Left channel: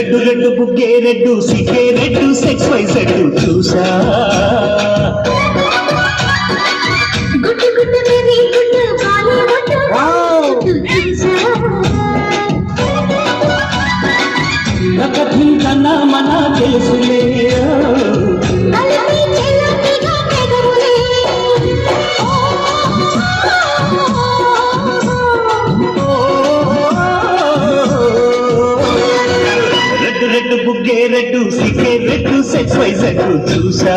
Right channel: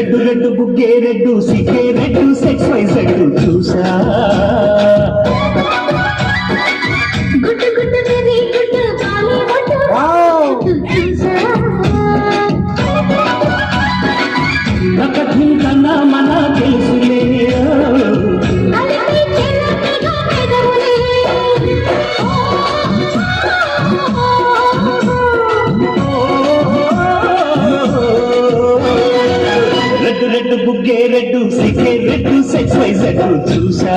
Red red బుగ్గే red సిగ్గే red సెక్స్ వైజ్ రెడ్డు చూసా. రెడ్డు సికే రెడ్డు సెక్స్ వైజెడ్ చూసా.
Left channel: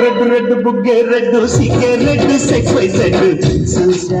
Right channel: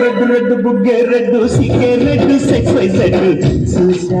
రెడ్ రెడ్ బుగ్గే రెడ్ సిగ్గే రెడ్ సెట్ వై సెట్ చూసా?